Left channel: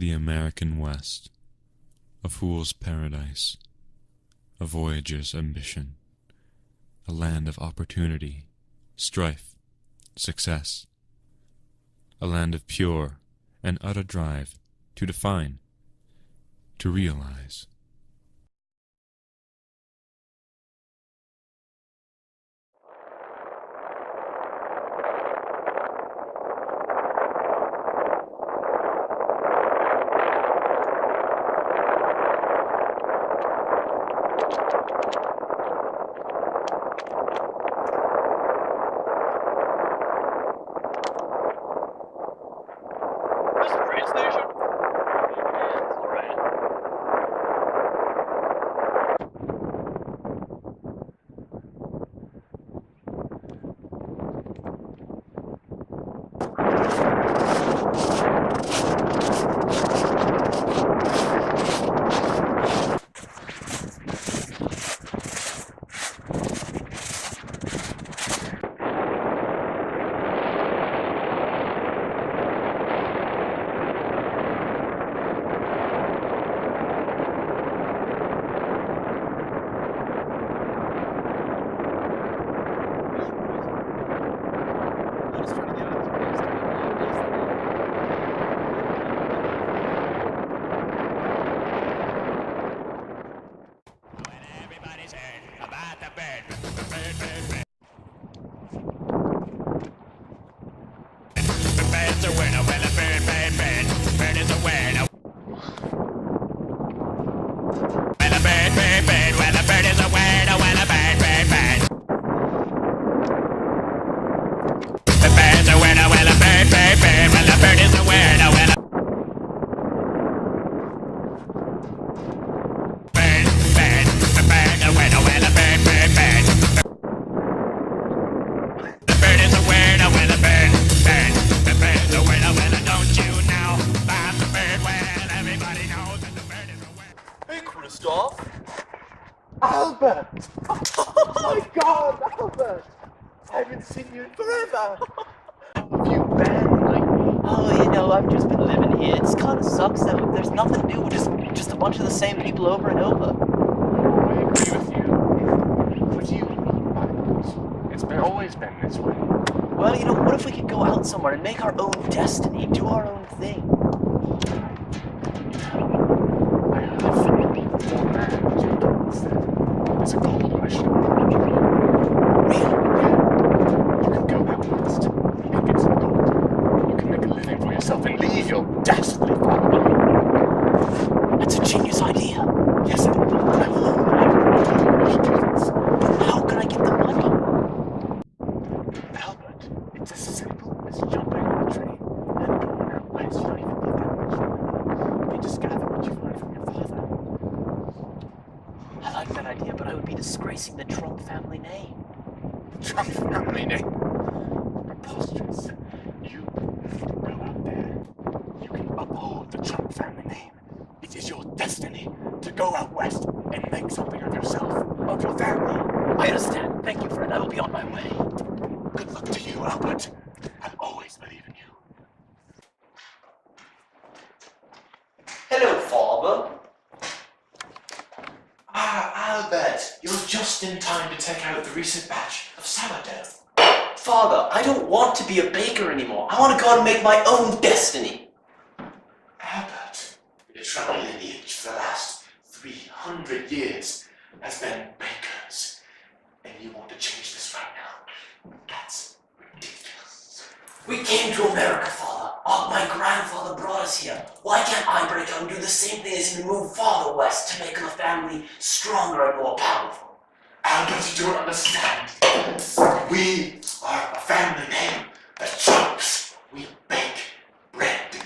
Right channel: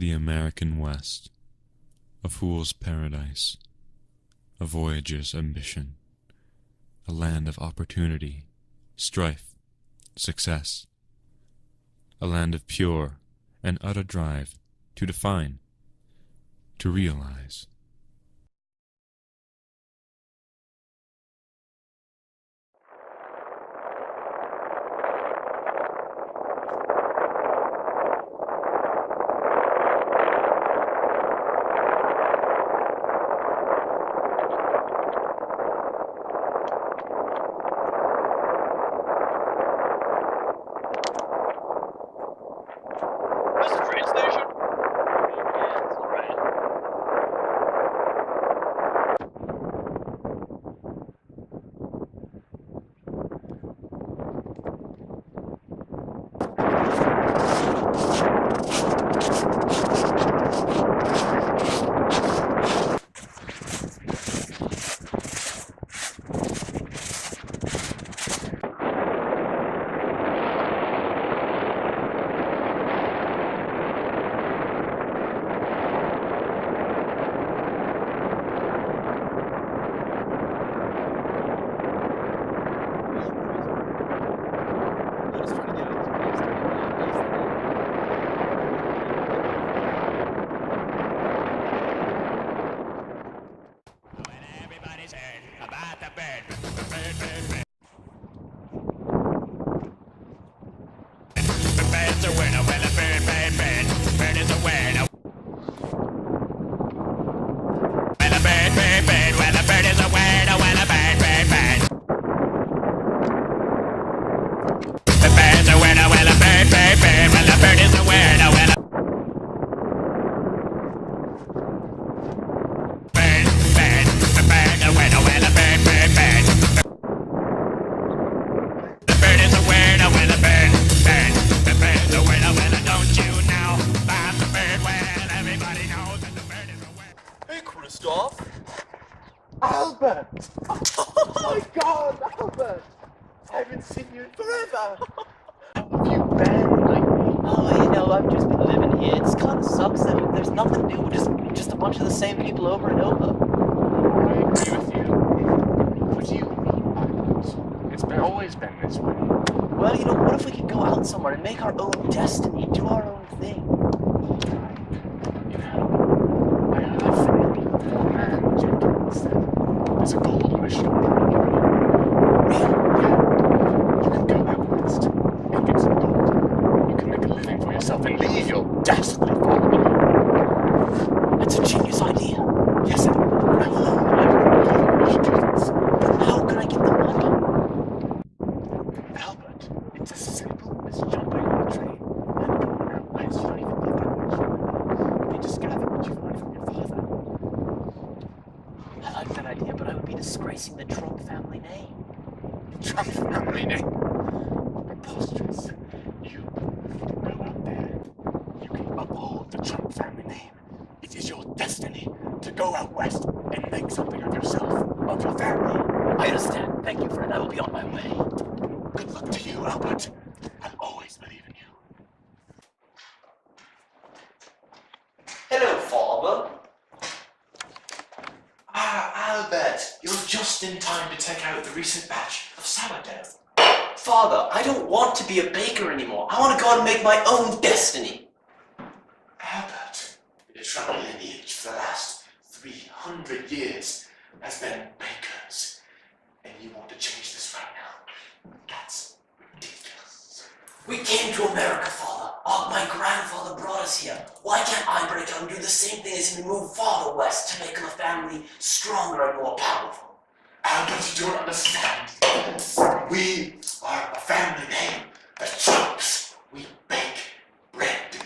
The American West, a fool's paradise, a voyager's ambition, a land of opportunity, strife, success, a land of pure and utter drive to define, to realize. Is this a train station? It is. Alright. I'm just trying to get out of this place to make my own destiny. When everybody's heard about the bird, bird. The bird's a winner, well a bird. Bird is a winner. Well a bird. Well a bird is a winner, well a bird. The bird's a winner, well a bird. Well a bird is a winner, well a bird, a winner, well a bird. The bird is a winner, well a bird. The bird's a winner, well don't you know about the bird? Well, everybody knows that the bird is a winner. Hey, Kristoff. Albert! Oh my god, Albert! I haven't seen you in forever! How have you been lately? Oh, I've just been living here. It kind of sucks though. There's nothing new. We're just a bunch of the same people over and over. Oh, I agree with you. What do you mean by that? It's always been this way. Well, what if we could go out somewhere and make our own destiny, do our own thing? I heard from old man Jenkins that there's a gold rush going on. Really? Yeah. You can go out west and get some gold. You can make a living for yourself and leave your dastardly father behind. That's a genius idea. Yes, I should do this. But how can I get the money? Albert, it's as simple as jumping on a train and going out west. You don't even need that much money. You just gather what you've learned from your father. I like that idea, but I would be disgracing the Trump family name. Trump family name. Preposterous. You go out there. You can uphold the Trump family name. It is your destiny to go out west and make something of yourself, of your family. I understand. Thank you, friend. I will be on my way. Good luck to you, Albert. I'll always believe in you. Hello, Father. Albert, you're just in time to take out the recent batch of sourdough. Father, I don't want to be a baker anymore. I want to go out and make my own destiny. Albert, your family lineage for the last 300 years has been bakers, and you want to change this right now? That's ridiculous. We came to America, Father. Oh, my grandfather brought us here. Why can't I break out and do the same thing as him and move farther west to make the family stronger and more powerful? Albert, you don't understand. We are a family name that jumps. We bake bread.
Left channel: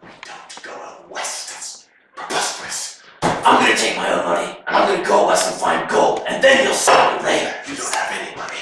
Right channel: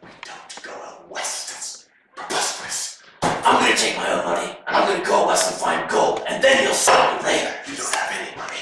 We don't go out west. That's preposterous. I'm gonna take my own money, and I'm gonna go west and find gold, and then you'll sell me later. You don't have any money.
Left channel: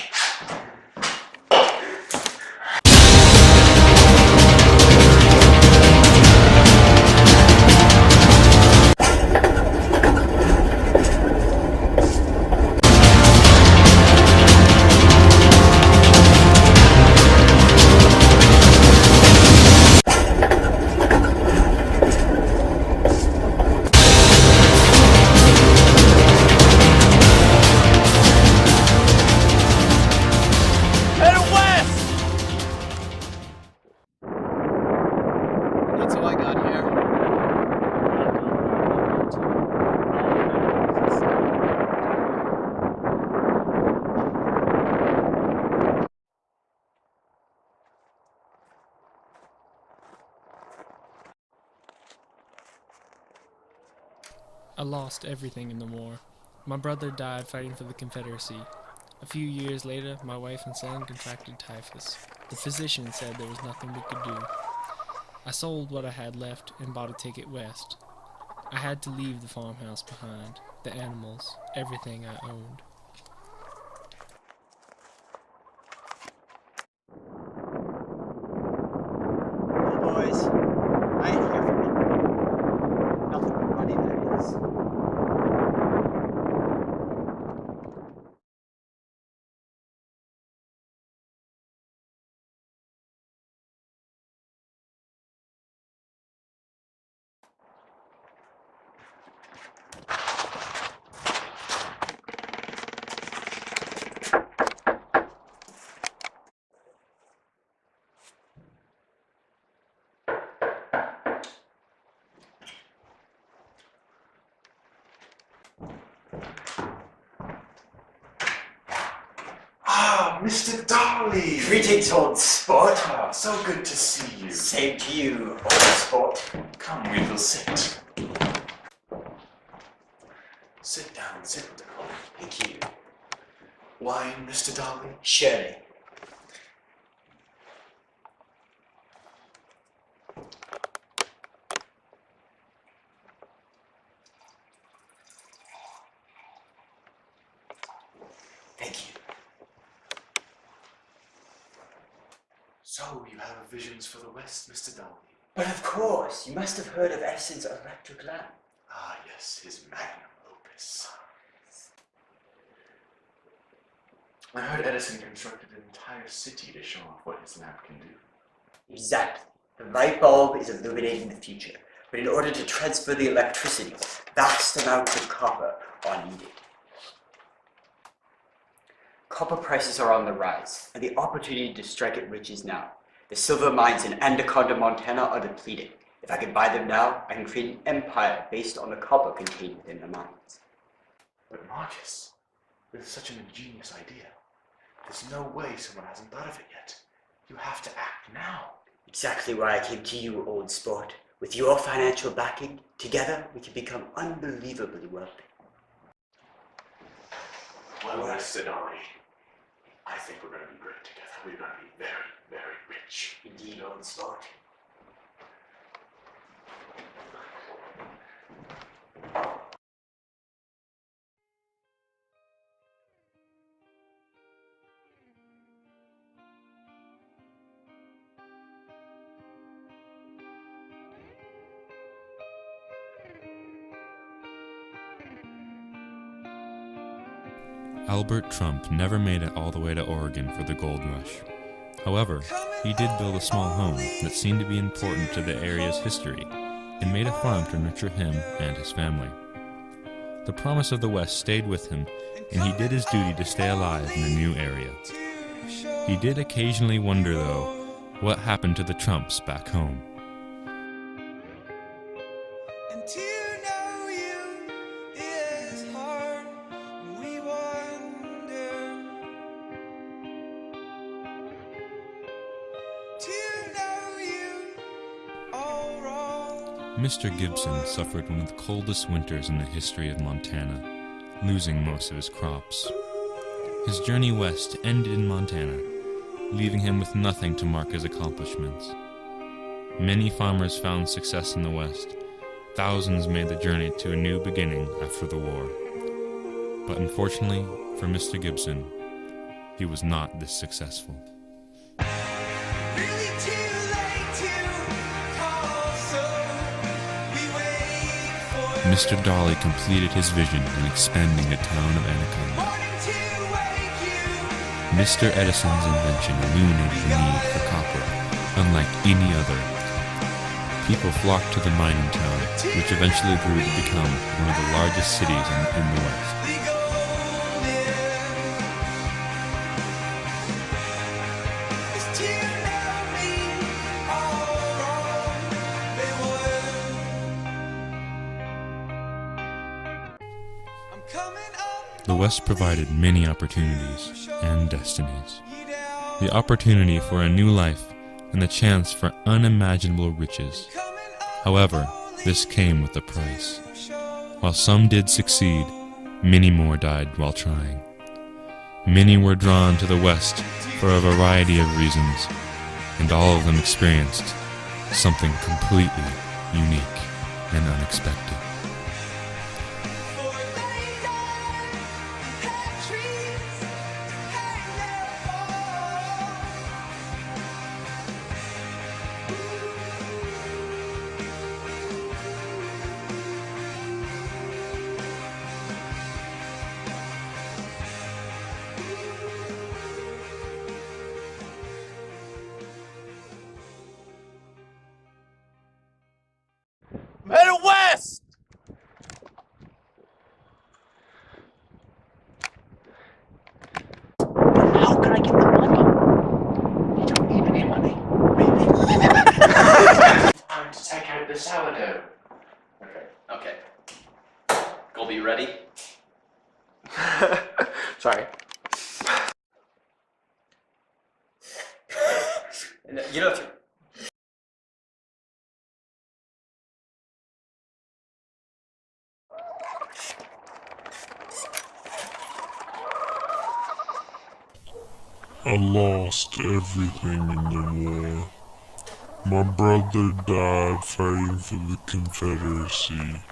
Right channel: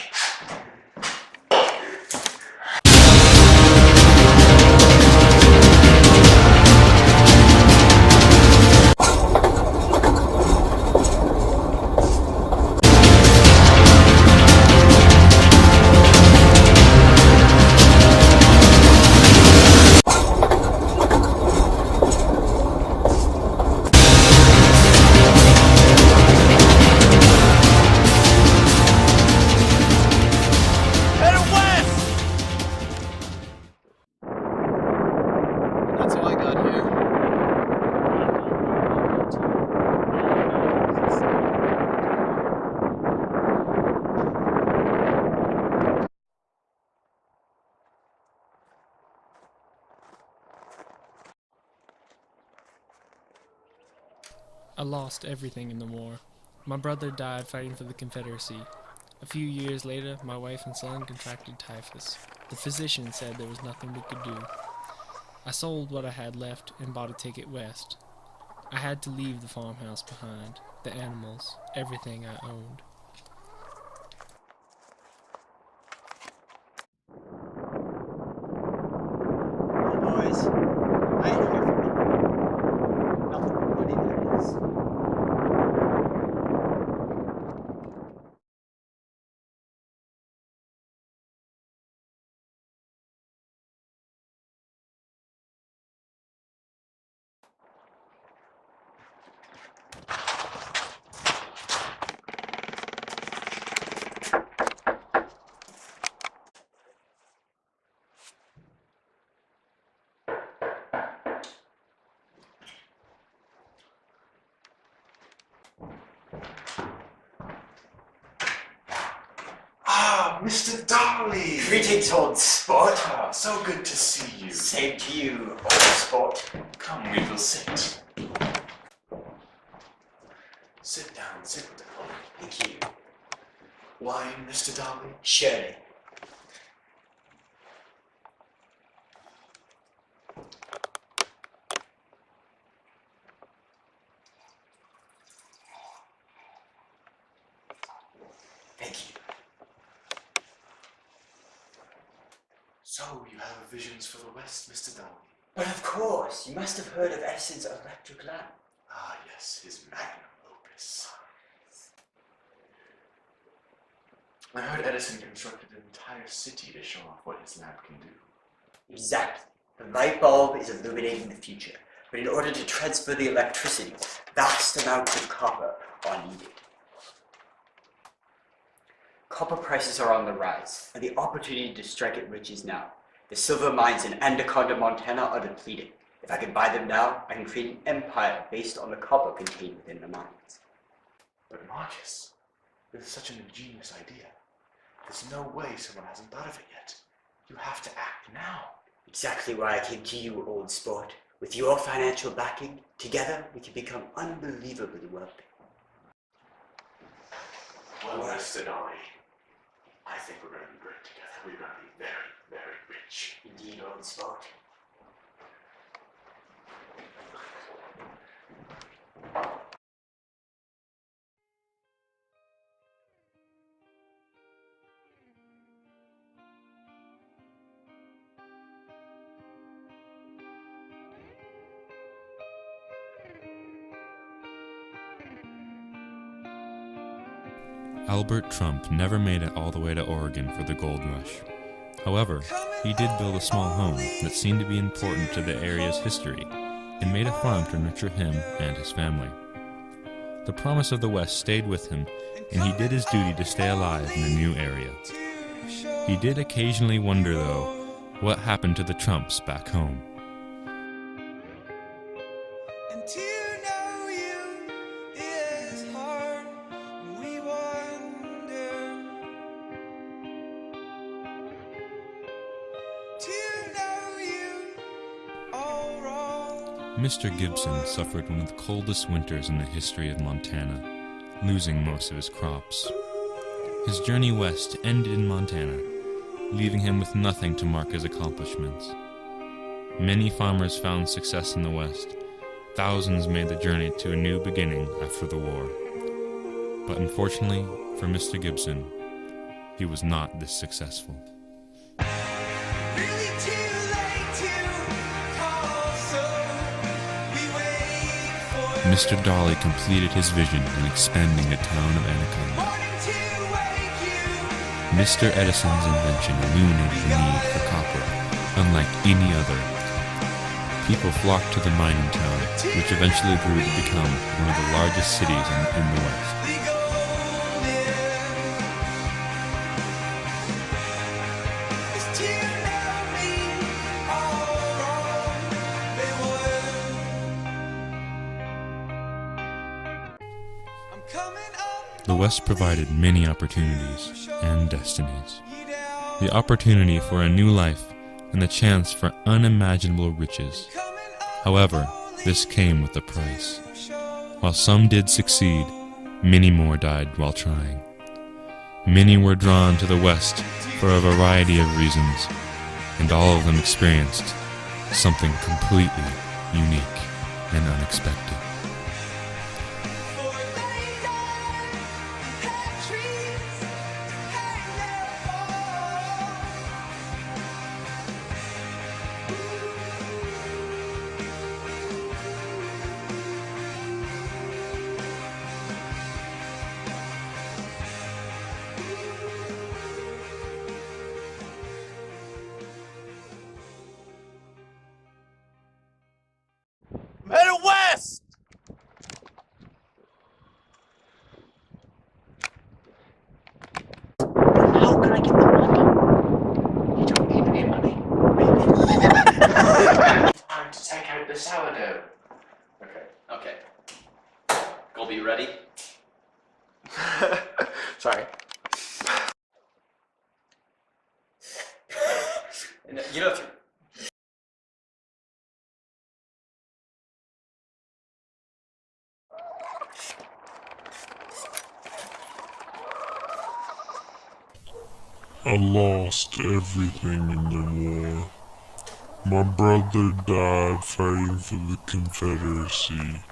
I lost everything in the war. My brother died fighting for the Confederacy. A few years later, my wife and son contracted typhus. The physician said there was nothing we could do. I sold what I had left and bought a ticket west. I had to leave the farmhouse behind, the animals, everything I owned. Well, boys, I ain't here for nothing. Nothing but money, that is. Ah, Mr. Dolly! Greetings, old sport. Ah, so good to see you. Same to you, old sport. Come, we will sit. Sit down, sit down. Thank you. Wine, Mr. Dolly? Surely. Thank you. So, you have visions for the West, Mr. Dolly? But of course, you must have heard of Edison's electric lamp. Ah, yes, his magnum opus. I heard Edison constructed an entire city to show off what his lamp can do. Exactly. The light bulb is illuminating the future, but in order to transfer the electricity, vast amounts of copper are needed. Copper prices are on the rise, and the opportunity to strike it rich is now. The silver mines in Anaconda, Montana are depleted. If I can buy them now, I can create an empire based on the copper contained within the mines. But Marcus, with such an ingenious idea, there's no way someone hasn't thought of it yet. You have to act now. Exactly why I came to you, old sport. With your financial backing, together we can become unbelievably wealthy. Well, Mr. Dolly, I think we're going to be great together. We're going to be very, very rich. Indeed, old sport. Albert Trump never made it all the way to Oregon for the gold rush. However, he did build a small home that seemed to be important to the area's history and made a farm to nurture him and his family. The promise of the West stayed with him, and he did his duty to stay alive in the new area. He did occasionally wonder, though, what happened to the Trumps back home. Mr. Gibson suffered one of the coldest winters in the history of Montana, losing most of his crops. His journey west ended in Montana, leaving him with nothing to mark his accomplishments. Many farmers found success in the West. Thousands made the journey to a new beginning after the war. But unfortunately for Mr. Gibson, he was not this successful. Mr. Dolly completed his vision in expanding the town of Anaconda. Mr. Edison's invention illuminated the need for copper, unlike any other. People flocked to the mining town, which eventually grew to become one of the largest cities in the West. The West provided many opportunities and destinies. The opportunity for a new life and the chance for unimaginable riches. However, this came with a price. While some did succeed, many more died while trying. Many were drawn to the West for a variety of reasons, and all of them experienced something completely unique and unexpected. Middle West! How can I get the money? You don't need any money, really. Time to take out the sourdough. Okay. Colby, ready? Sorry. You know, if you I lost everything in the war. My brother died fighting for the Confederacy.